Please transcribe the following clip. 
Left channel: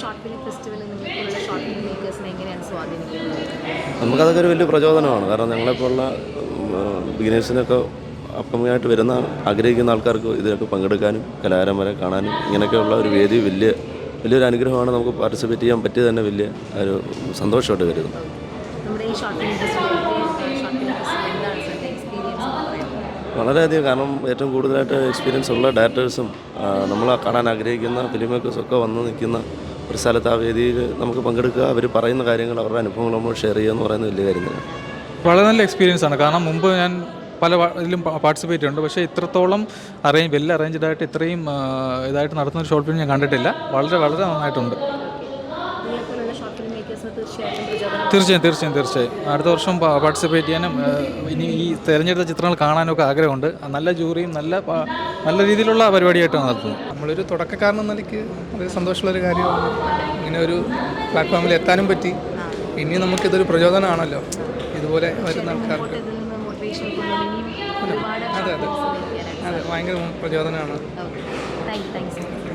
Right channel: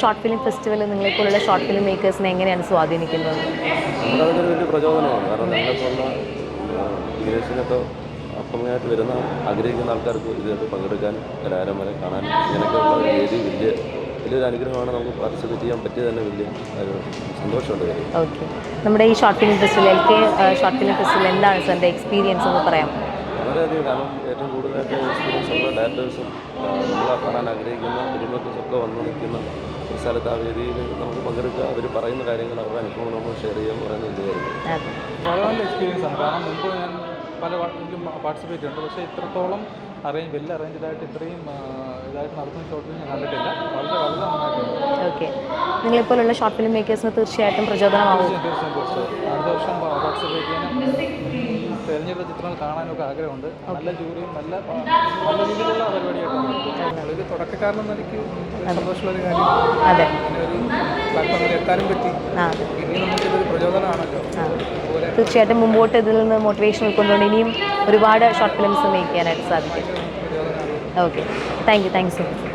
Short film festival നിങ്ങളെപ്പോലുള്ള short film മേക്കേഴ്സിനെ എങ്ങനെയാണ് സ്വാധീനിക്കുന്നത്? നമുക്കതൊക്കെ ഒരു വലിയ പ്രചോദനമാണ്. കാരണം ഞങ്ങളെപ്പോലുള്ള ബിഗിനേഴ്സിനൊക്കെ അപ്പമായിട്ട് വരുന്ന ആഗ്രഹിക്കുന്ന ആൾക്കാർക്ക് ഇതിനൊക്കെ പങ്കെടുക്കാനും കലാകാരന്മാരെ കാണാനും ഇങ്ങനെയൊക്കെയുള്ള ഒരു വേദി വലിയൊരു അനുഗ്രഹമാണ്. നമുക്ക് പാർട്ടിസിപ്പേറ്റ് ചെയ്യാൻ പറ്റിയത് തന്നെ വലിയ ഒരു സന്തോഷമായിട്ട് കരുതുന്നു. ഓക്കെ, നമ്മുടെ ഈ short film festival short film festival എന്താണ് സാറിൻ്റെ എക്സ്പീരിയൻസ് എന്ന് പറയാം? വളരെയധികം, കാരണം ഏറ്റവും കൂടുതലായിട്ട് എക്സ്പീരിയൻസ് ഉള്ള ഡയറക്ടേഴ്സും നമ്മൾ കാണാൻ ആഗ്രഹിക്കുന്ന ഫിലിം മേക്കേഴ്സൊക്കെ വന്ന് നിൽക്കുന്ന ഒരു സ്ഥലത്ത് ആ വേദിയിൽ നമുക്ക് പങ്കെടുക്കുക, അവർ പറയുന്ന കാര്യങ്ങൾ, അവരുടെ അനുഭവങ്ങൾ നമ്മൾ ഷെയർ ചെയ്യുക എന്ന് പറയുന്നത് വലിയ കാര്യമാണ്. വളരെ നല്ല എക്സ്പീരിയൻസ് ആണ്. കാരണം മുമ്പ് ഞാൻ പല ഇതിലും പാർട്ടിസിപ്പേറ്റ് ഉണ്ട്, പക്ഷേ ഇത്രത്തോളം വെൽ അറേഞ്ച്ഡായിട്ട് ഇത്രയും ഇതായിട്ട് നടത്തുന്ന ഷോർട്ട് ഫിലിം ഞാൻ കണ്ടിട്ടില്ല. വളരെ വളരെ നന്നായിട്ടുണ്ട്. ഓക്കെ, നിങ്ങളെപ്പോലുള്ള ഷോർട്ട് ഫിലിം മേക്കേഴ്സിന് തീർച്ചയായിട്ടും പ്രചോദനം. തീർച്ചയായും അടുത്ത വർഷം പാർട്ടിസിപ്പേറ്റ് ചെയ്യാനും ഇനി ഈ തിരഞ്ഞെടുത്ത ചിത്രങ്ങൾ കാണാനൊക്കെ ആഗ്രഹമുണ്ട്. നല്ല ജൂറിയും നല്ല രീതിയിലുള്ള പരിപാടിയായിട്ടാണ് നടത്തുന്നത്. നമ്മളൊരു തുടക്കക്കാരനെന്ന നിലയ്ക്ക് സന്തോഷമുള്ളൊരു കാര്യം. അതെ, ഇങ്ങനെ ഒരു പ്ലാറ്റ്ഫോമിൽ എത്താനും പറ്റി. ഇനി നമുക്കിതൊരു പ്രചോദനമാണല്ലോ. ഇതുപോലെ തീർച്ചയായിട്ടും മുമ്പോട്ട് ഇതിൽ നിന്ന് മോട്ടിവേഷൻ ഉൾക്കൊണ്ടുകൊണ്ട് ഇനിയും ഒരുപാട് ഷോർട്ട് ഫിലിംസ് മേക്ക് ചെയ്യാനായിട്ട് സാധിക്കും. ഭയങ്കര പ്രചോദനമാണ്. Okay, thank you so much.